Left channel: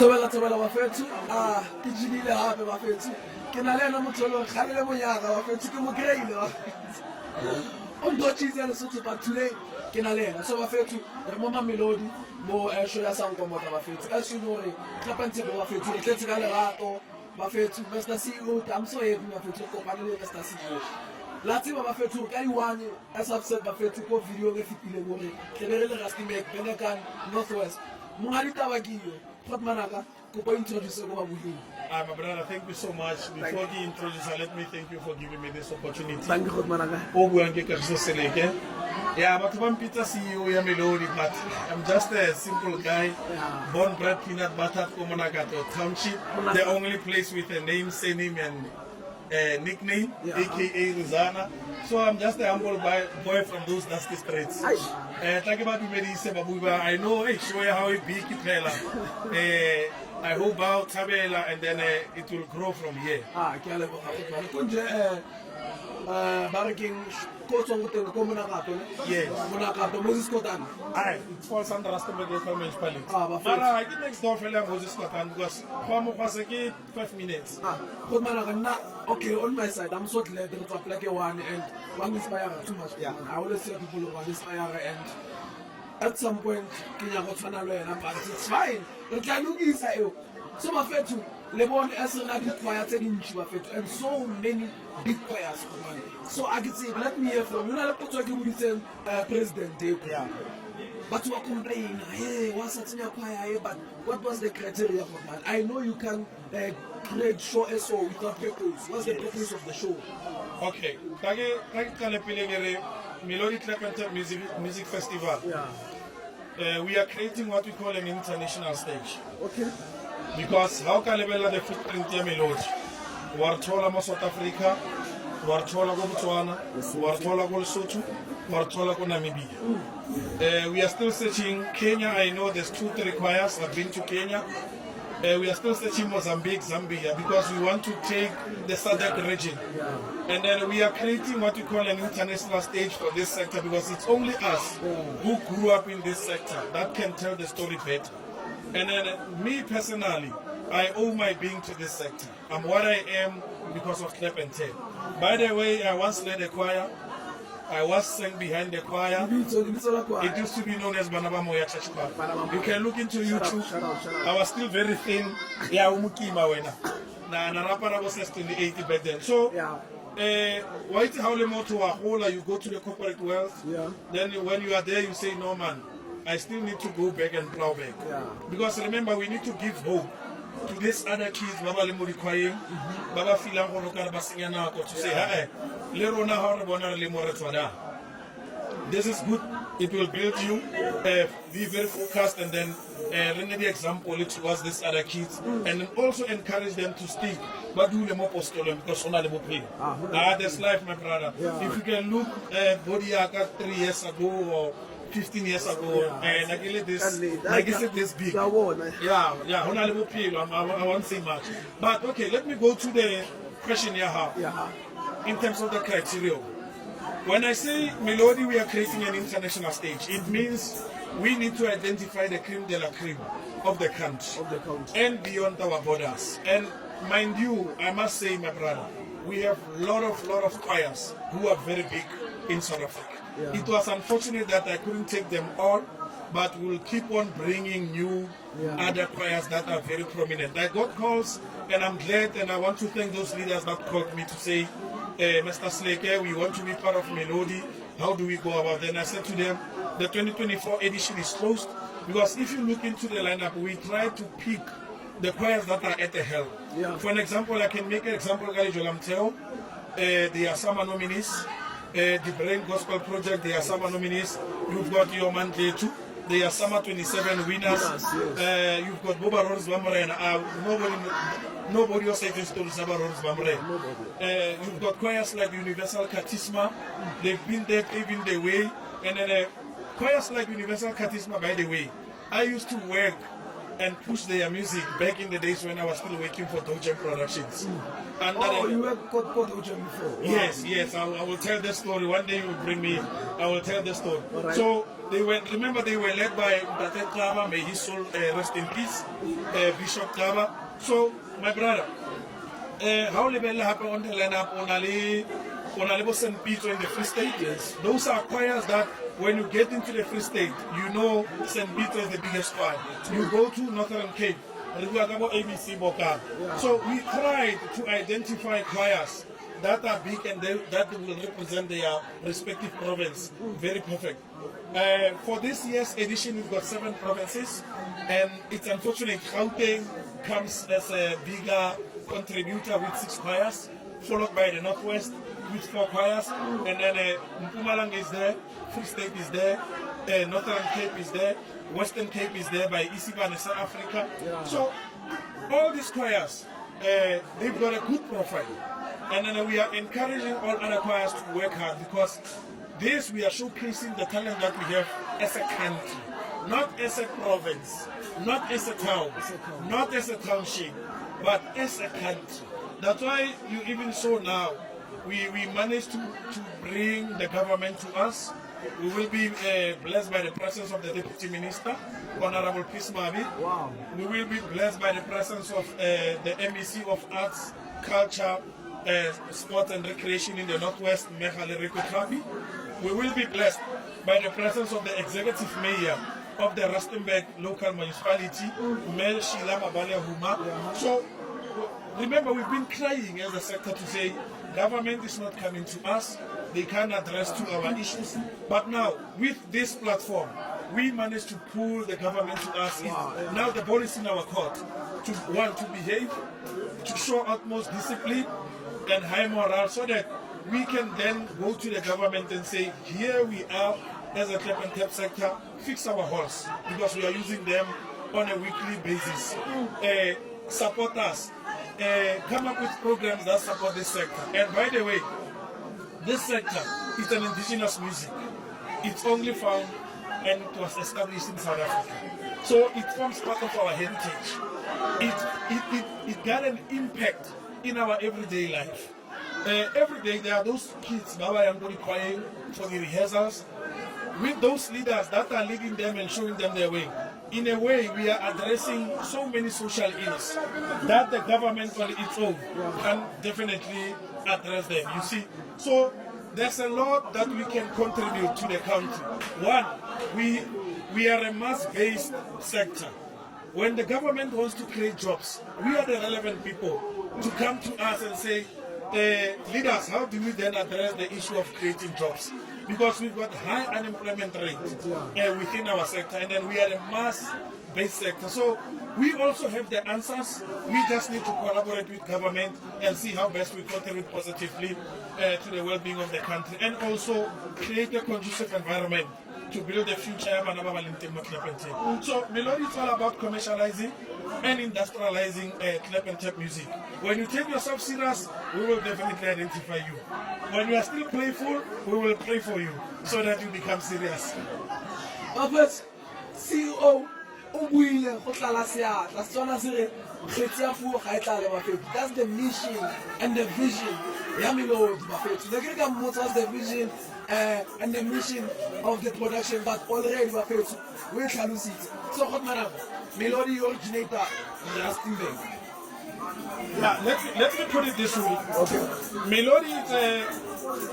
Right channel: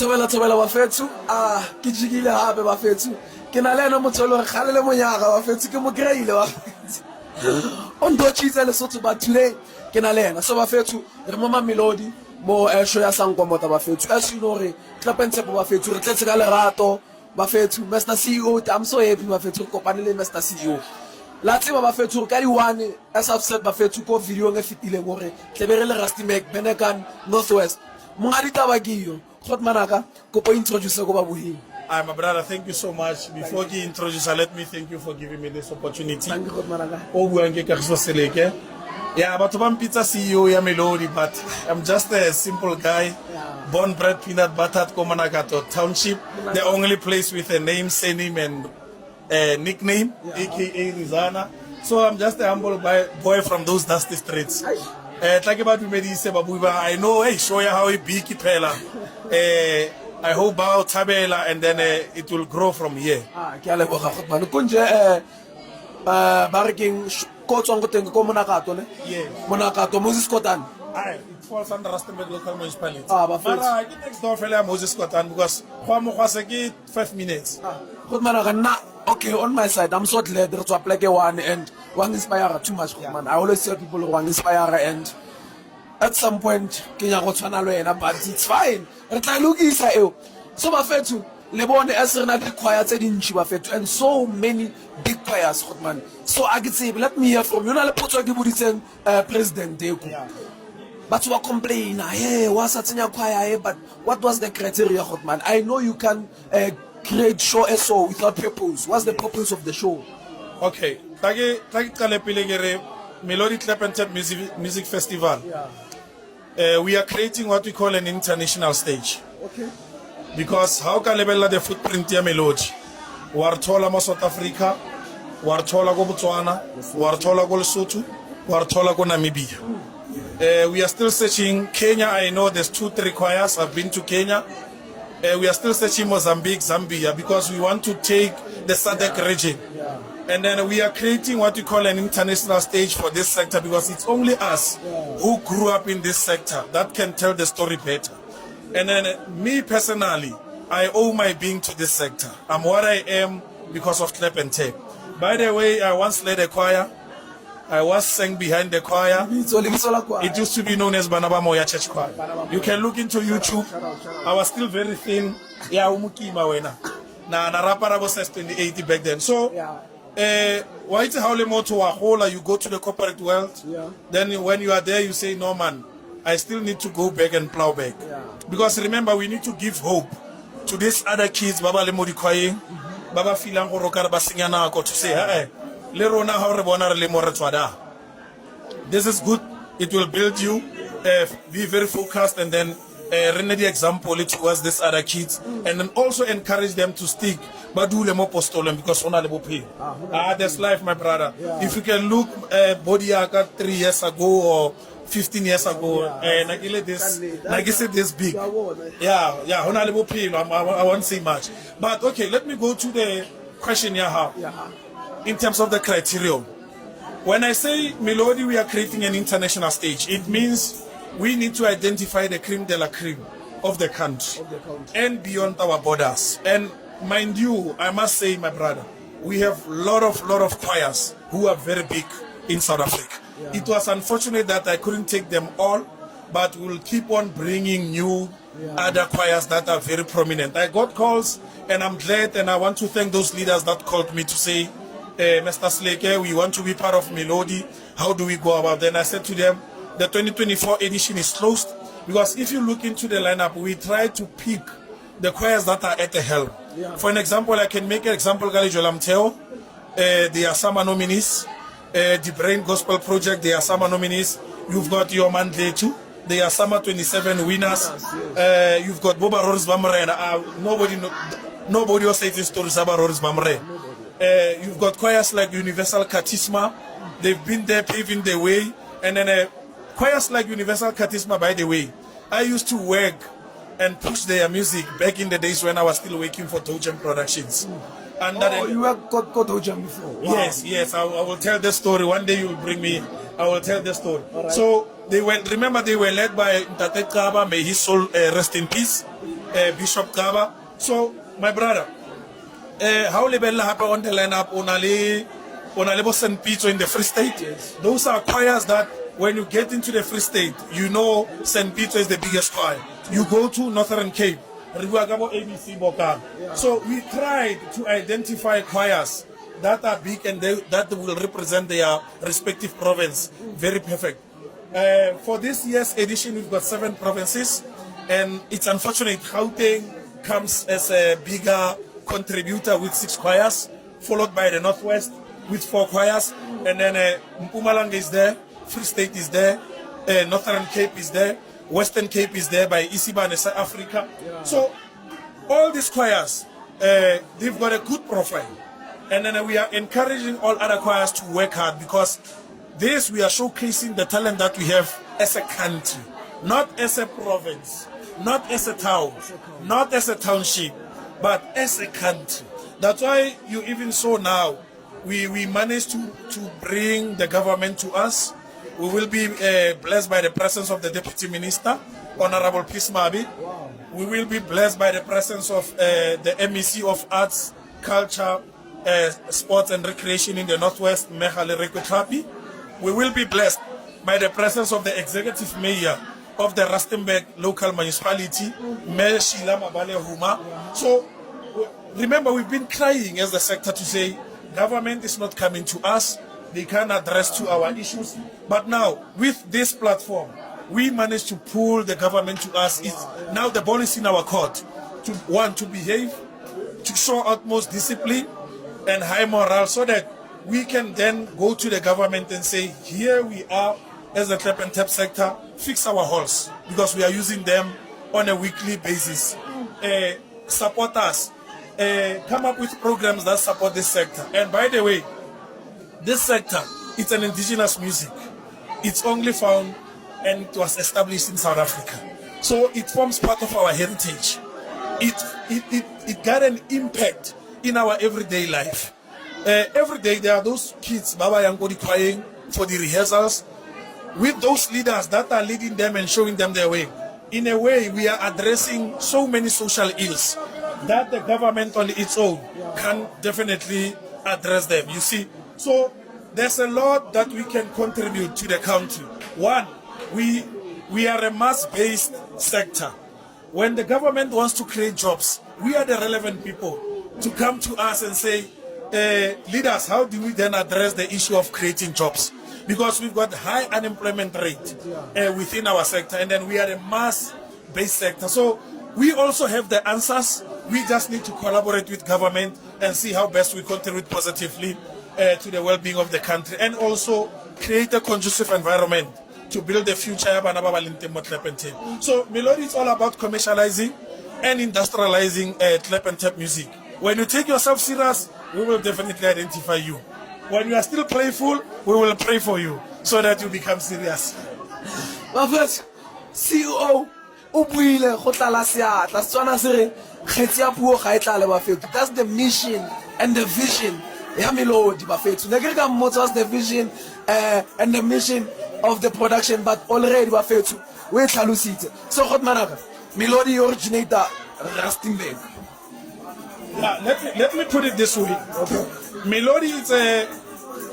Thobela bafethu ke jigile hape bafethu ke na le ena motho le kgale le monyaga bafethu ke mo greile bafethu on do tshitse le sotho but today ke na le ena so bafethu re mo Melodi mo show ya Sankomota bafethu as you know re tlapentse bafethu re tletse ka lerato bafethu Mr CEO I'm so happy bafethu re kopane le Mr CEO la tseba bafethu ka di one as I've said bafethu ko video nge fitileng gore tlebere le Rustenburg Benekan Northwest mongadi tabakiyo khotmanaka kopo introduce ko babuhing. Hi, my brother. Thank you so much. Before you introduce, let me thank you for giving me this opportunity. Thank you, Khotmanaka. Melodi KAGISO SELEKE. Yeah, but I'm pizza CEO ya Melodi, but I'm just a simple guy, born bred peanut butter Komanakato Township, the only place with a name, surname, and nickname, aka Rizana. So I'm just a humble boy from those dusty streets. Talk about I know, hey, show you how he big pela. I hope about Tabela and then it will grow from here. Barking Kotsong ko Monakato, ne? Yes. Monakato, Moses Kotan. It falls under Rustenburg local municipality. But I get next door fella Moses Kotan because 5 minutes. Okay, on my side, I'm so glad to apply one and one inspire too much, man. I always tell people one inspire and at some point, Kenya but it's fine. So my friend too, Lebon Esrena big choirs in Chibafet and so many big choirs, man. So I could say, let me hear from you. Not put President but you are complaining, hey, what's that in your choir? But what was the criteria, man? I know you can create show SO without purpose. What's the purpose of the show? Okay, Melodi Clapentet Music Festival. We are creating what we call an international stage. Okay. Because how can we the footprint ya Melodi? Wartola mo South Africa, Wartola go Botswana, Wartola go Lesotho, Wartola go Namibia. We are still searching Kenya. I know there's 2-3 choirs. I've been to Kenya. We are still searching Mozambique, Zambia, because we want to take the SADC region. And then we are creating what we call an international stage for this sector because it's only us who grew up in this sector that can tell the story better. And then me personally, I owe my being to this sector. I'm what I am because of Clap and Tape. By the way, I once led a choir. I was sang behind the choir. It used to be known as Banaba Moya Church Choir. You can look into YouTube. I was still very thin. Yeah, umukima wena. Na rapara was 2080 back then. So, why it's how you go to the corporate world. Then when you are there, you say, no man, I still need to go back and plow back. Because remember, we need to give hope to these other kids. Baba le modi kwaye, Baba filang horokar basinyana ko to say, hey. This is good. It will build you. Be very focused and then render the example towards these other kids and then also encourage them to stick. But do more postolem because on a pay. That's life, my brother. If you can look Bodiaka 3 years ago or 15 years ago, and I guess this big. I won't say much. But okay, let me go to the question you have. In terms of the criteria, when I say Melodi, we are creating an international stage. It means we need to identify the creme de la creme of the country, and beyond our borders. And mind you, I must say, my brother, we have a lot of choirs who are very big in South Africa. It was unfortunate that I couldn't take them all, but we'll keep on bringing new other choirs that are very prominent. I got calls, and I'm glad, and I want to thank those leaders that called me to say, Mr. Seleke, we want to be part of Melodi. How do we go about? Then I said to them, the 2024 edition is closed because if you look into the lineup, we try to pick the choirs that are at the helm. For an example, I can make an example. Jolamteo, they are summer nominees. The Brain Gospel Project, they are summer nominees. You've got your man there too. They are summer 27 winners. You've got Boba Rose Bamre. Nobody was saying stories about Rose Bamre. You've got choirs like Universal Katisma. They've been there paving the way. And then choirs like Universal Katisma, by the way, I used to work and push their music back in the days when I was still working for Dojem Productions. And you have got Dojem before? Wow. Yes, I will tell the story. One day you will bring me, I will tell the story. Right. So they were, remember they were led by Ntate Kaba, may his soul rest in peace. Bishop Kaba. So, my brother, how lebella happen on the lineup on a St. Peter in the Free State? Yes. Those are choirs that when you get into the Free State, you know St. Peter is the biggest choir. You go to Northern Cape, ABC Bokang. Yeah. So we tried to identify choirs that are big and that will represent their respective province. Very perfect. For this year's edition, we've got 7 provinces, and it's unfortunate Gauteng comes as a bigger contributor with 6 choirs, followed by the Northwest with 4 choirs, and then Mpumalanga is there, Free State is there, Northern Cape is there, Western Cape is there by Isiba and South Africa. Yeah. So all these choirs, they've got a good profile. And then we are encouraging all other choirs to work hard, because this we are showcasing the talent that we have as a country, not as a province, not as a town, not as a township, but as a country. That's why you even saw now, we managed to bring the government to us. We will be blessed by the presence of the Deputy Minister, Honorable Peace Mabi. Wow. We will be blessed by the presence of the MEC of Arts, Culture, Sports and Recreation in the Northwest, Mehale Rekwetrapi. We will be blessed by the presence of the Executive Mayor of the Rustenburg local municipality, Mayor Sheila Mabale Huma. So remember, we've been crying as the sector to say, government is not coming to us, they can't address to our issues. But now, with this platform, we managed to pull the government to us. Now the ball is in our court to behave, to show utmost discipline and high morale, so that we can then go to the government and say, here we are as a tap and tap sector, fix our holes, because we are using them on a weekly basis. Support us. Come up with programs that support this sector. And by the way, this sector, it's an indigenous music. It's only found and it was established in South Africa. So it forms part of our heritage. It got an impact in our everyday life. Every day there are those kids, Baba Yangodi, crying for the rehearsals, with those leaders that are leading them and showing them their way. In a way, we are addressing so many social ills that the government on its own can definitely address them, you see. So there's a lot that we can contribute to the country. One, we are a mass-based sector. When the government wants to create jobs, we are the relevant people to come to us and say, leaders, how do we then address the issue of creating jobs? Because we've got high unemployment rate within our sector, and then we are a mass-based sector. So we also have the answers. We just need to collaborate with government and see how best we contribute positively to the well-being of the country, and also create a conducive environment to build the future. So Melodi is all about commercializing and industrializing clap and tap music. When you take yourself serious, we will definitely identify you. When you are still playful, we will pray for you so that you become serious. My first CEO, that's the mission and the vision. Melodi Bafethu. The vision and the mission of the production, but already Bafethu. We Talusite. So hot managa. Melodi originator Rustenburg. Yeah, let me put it this way. Okay. Melodi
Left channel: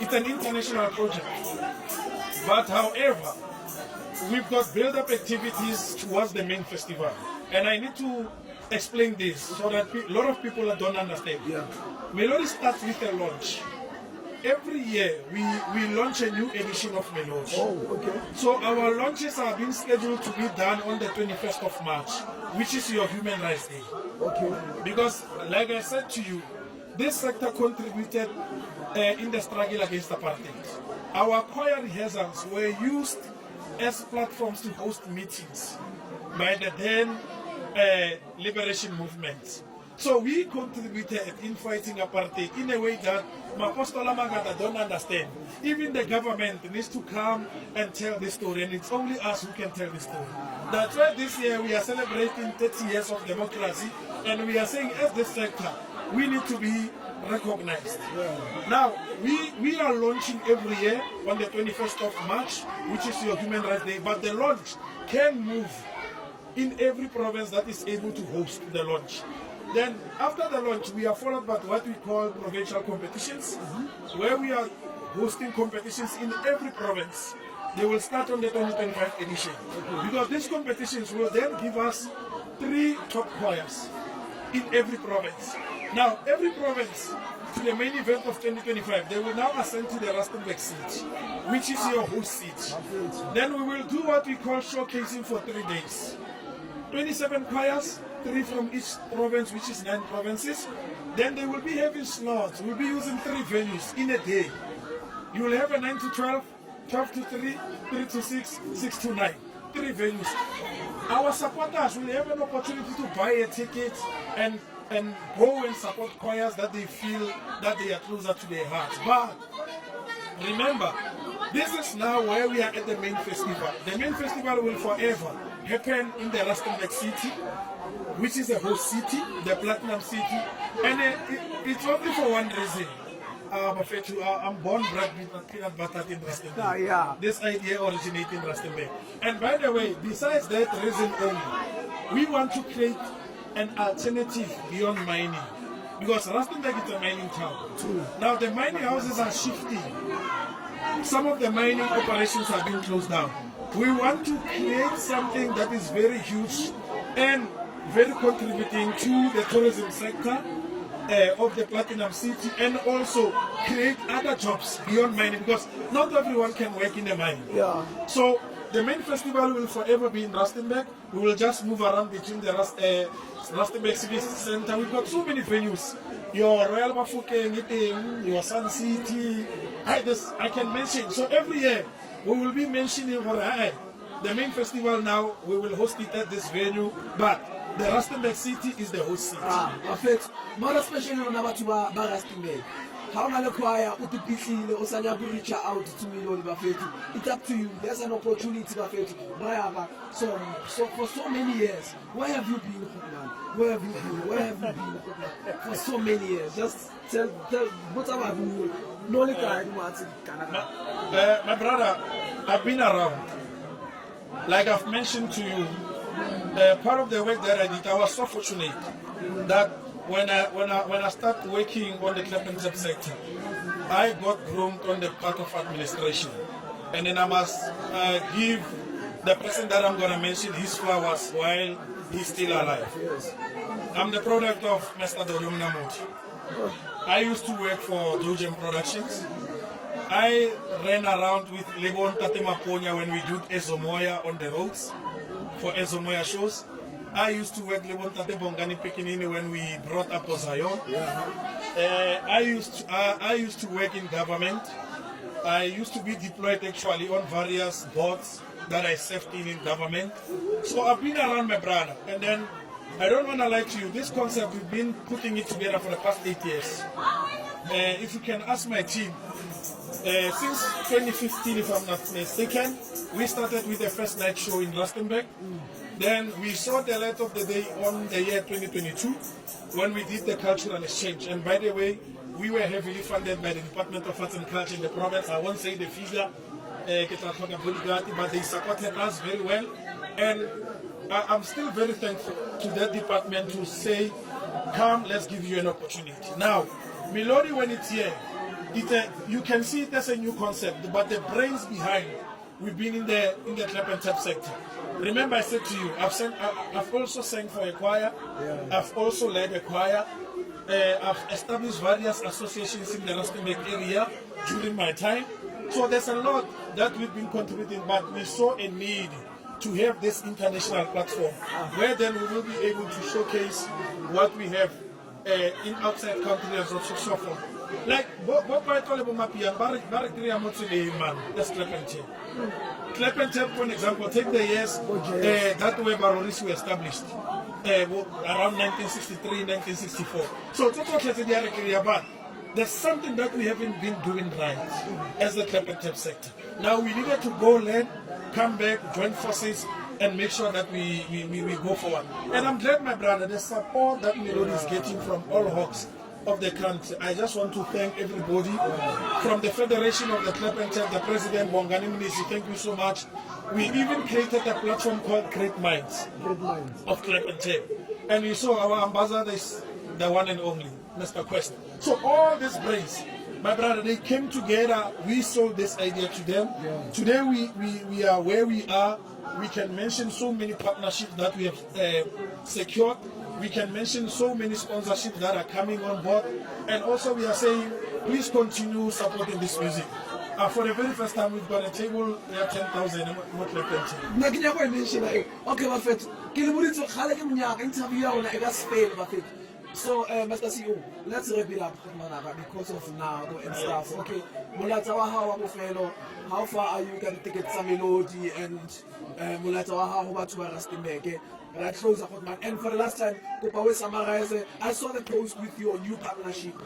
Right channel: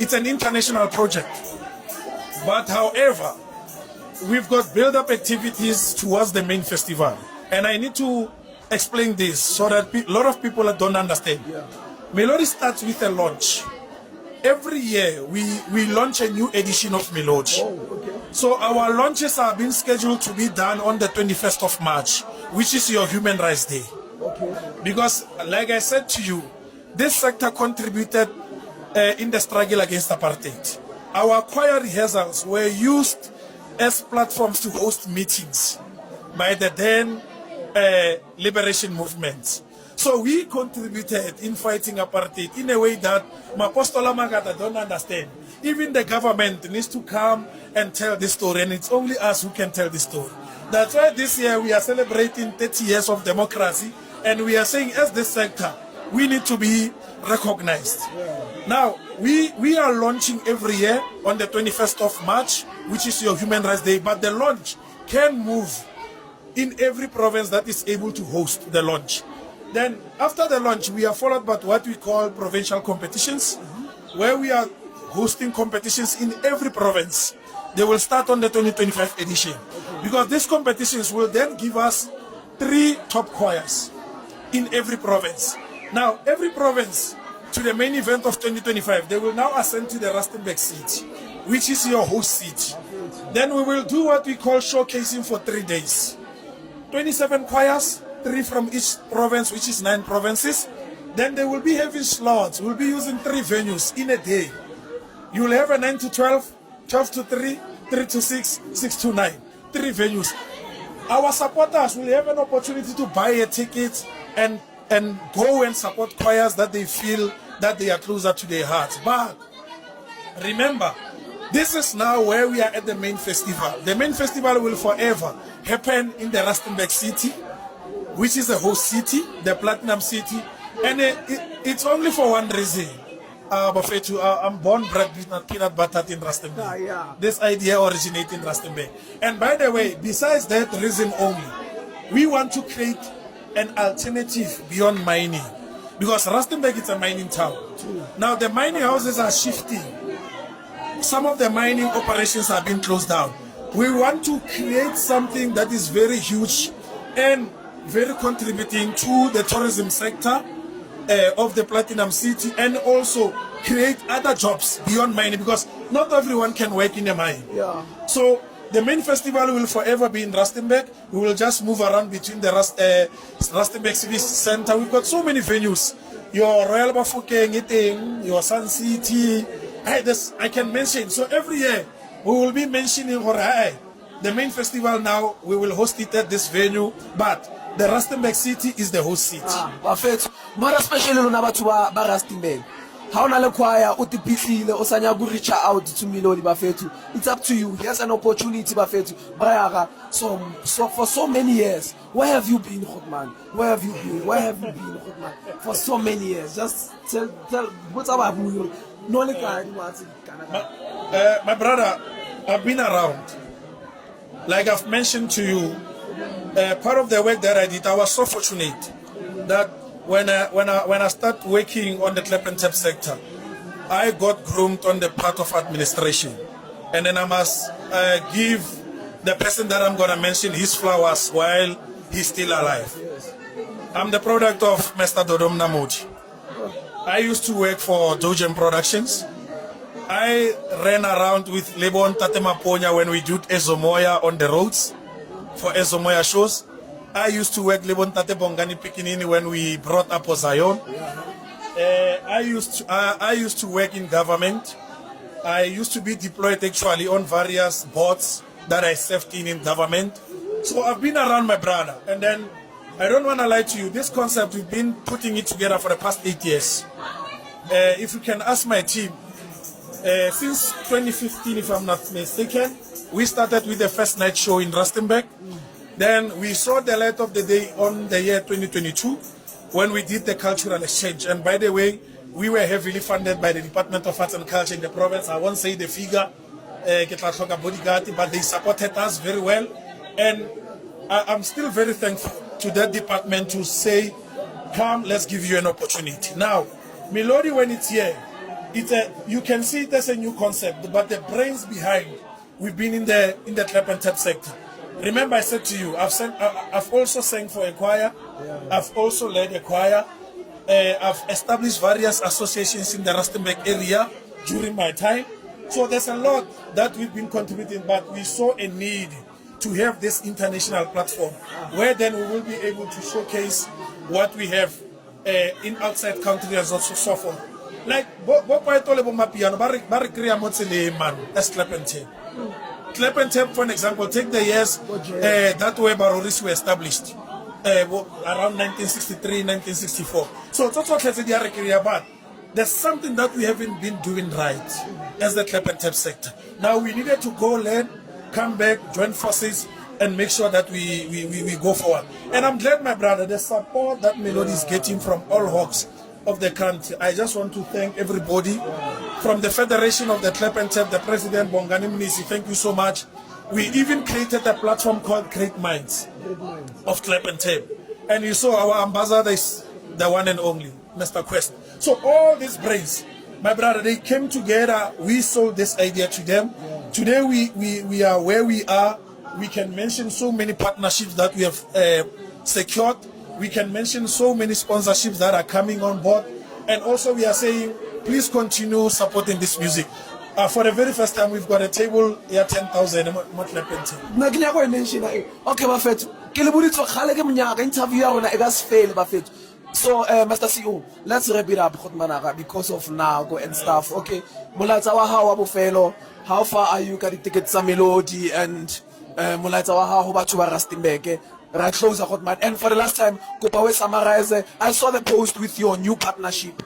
it's an international project. But however, we've got build-up activities towards the main festival. And I need to explain this so that a lot of people don't understand. Yeah. Melodi starts with a launch. Every year, we launch a new edition of Melodi. Oh, okay. So our launches are being scheduled to be done on the 21st of March, which is your Human Rights Day. Okay. Because, like I said to you, this sector contributed in the struggle against apartheid. Our choir rehearsals were used as platforms to host meetings by the then liberation movement. So we contributed in fighting apartheid in a way that Mapostola Magata don't understand. Even the government needs to come and tell this story, and it's only us who can tell this story. That's why this year we are celebrating 30 years of democracy, and we are saying as this sector, we need to be recognized. Now, we are launching every year on the 21st of March, which is your Human Rights Day, but the launch can move in every province that is able to host the launch. Then after the launch, we are followed by what we call provincial competitions, where we are hosting competitions in every province. They will start on the 2025 edition, because these competitions will then give us 3 top choirs in every province. Now, every province, to the main event of 2025, they will now ascend to the Rustenburg seat, which is your host seat. Then we will do what we call showcasing for 3 days. 27 choirs, 3 from each province, which is 9 provinces. Then they will be having slots. We'll be using 3 venues in a day. You will have a 9 to 12, 12 to 3, 3 to 6, 6 to 9. 3 venues. Our supporters will have an opportunity to buy a ticket and go and support choirs that they feel that they are closer to their hearts. But remember, this is now where we are at the main festival. The main festival will forever happen in the Rustenburg city, which is the host city, the Platinum City. And it's only for one reason. I'm born, bred, peanut butter in Rustenburg. Yeah. This idea originated in Rustenburg. And by the way, besides that reason only, we want to create an alternative beyond mining. Because Rustenburg is a mining town. True. Now the mining houses are shifting. Some of the mining operations are being closed down. We want to create something that is very huge and very contributing to the tourism sector of the Platinum City, and also create other jobs beyond mining, because not everyone can work in a mine. Yeah. So the main festival will forever be in Rustenburg. We will just move around between the Rustenburg Civic Center. We've got so many venues. Your Royal Bafokeng, your Sun City. I can mention. So every year we will be mentioning the main festival. Now we will host it at this venue, but the Rustenburg city is the host city. Perfect. More especially lona batho ba Rustenburg. Ha ona le choir o tipitlile o sanya go reach out to Melodi bafethu. It's up to you. Here's an opportunity bafethu. Brayara. So for so many years, where have you been, Khotman? Where have you been? Where have you been, Khotman? For so many years. Just tell what's about you. No le ka Canada. My brother, I've been around. Like I've mentioned to you, part of the work that I did, I was so fortunate that when I started working on the clap and tap sector, I got groomed on the part of administration. And then I must give the person that I'm going to mention his flowers while he's still alive. I'm the product of Mr. Dodom Namoti. I used to work for Dojem Productions. I ran around with Lebon Tatemaponya when we did Ezomoya on the roads for Ezomoya shows. I used to work Lebon Tate Bongani Pikinini when we brought up Zion. I used to work in government. I used to be deployed actually on various boards that I served in government. So I've been around, my brother. And then I don't want to lie to you, this concept, we've been putting it together for the past 8 years. If you can ask my team, since 2015, if I'm not mistaken, we started with the first night show in Rustenburg. Then we saw the light of the day on the year 2022 when we did the cultural exchange. And by the way, we were heavily funded by the Department of Arts and Culture in the province. I won't say the figure, but they supported us very well. And I'm still very thankful to that department to say, come, let's give you an opportunity. Now, Melodi, when it's here, you can see it as a new concept, but the brains behind, we've been in the clap and tap sector. Remember, I said to you, I've also sang for a choir. I've also led a choir. I've established various associations in the Rustenburg area during my time. So there's a lot that we've been contributing, but we saw a need to have this international platform where then we will be able to showcase what we have in outside countries and so forth. Like, as clap and tap. Clap and tap, for an example, take the years that way Baroris were established, around 1963, 1964. So it's also but there's something that we haven't been doing right as the clap and tap sector. Now we needed to go learn, come back, join forces, and make sure that we go forward. And I'm glad, my brother, the support that Melodi is getting from all hawks of the country. I just want to thank everybody from the Federation of the Clap and Tap, the President Bongani Munisi. Thank you so much. We even created a platform called Great Minds of Clap and Tap. And you saw our ambassador is the one and only, Mr. Quest. So all these brains, my brother, they came together. We sold this idea to them. Yeah. Today we are where we are. We can mention so many partnerships that we have secured. We can mention so many sponsorships that are coming on board. And also we are saying, please continue supporting this music. For the very first time, we've got a table here, 10,000. Okay, Buffett. Interview So, Mr. CEO, let's wrap it up because of Nago and stuff. Okay, how far are you getting tickets to Melodi and right closer, and for the last time, summarize. I saw the post with your new partnership.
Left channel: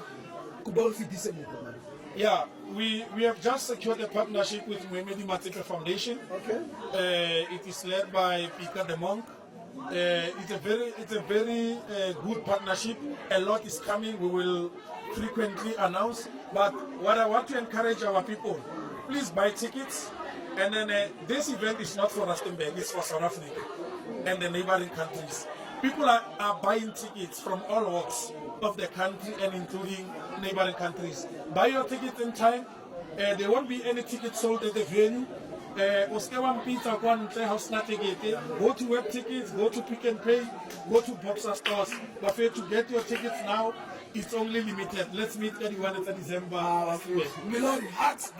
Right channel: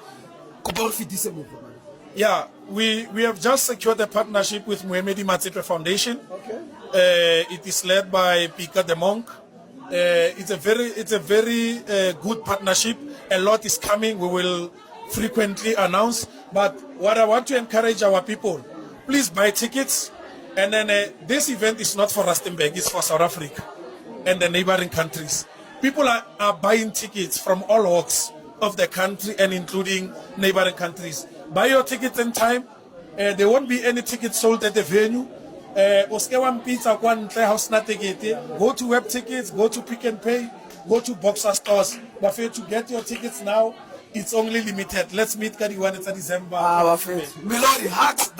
Yeah, we have just secured a partnership with Melodi Vision Foundation. Okay. It is led by Pika the Monk. It's a very good partnership. A lot is coming. We will frequently announce. But what I want to encourage our people, please buy tickets. And then this event is not for Rustenburg, it's for South Africa and the neighboring countries. People are buying tickets from all walks of the country and including neighboring countries. Buy your tickets in time. There won't be any tickets sold at the venue. Go to web tickets, go to Pick and Pay, go to Boxer stores. But to get your tickets now, it's only limited. Let's meet Kadiwan in December. Melodi, hugs.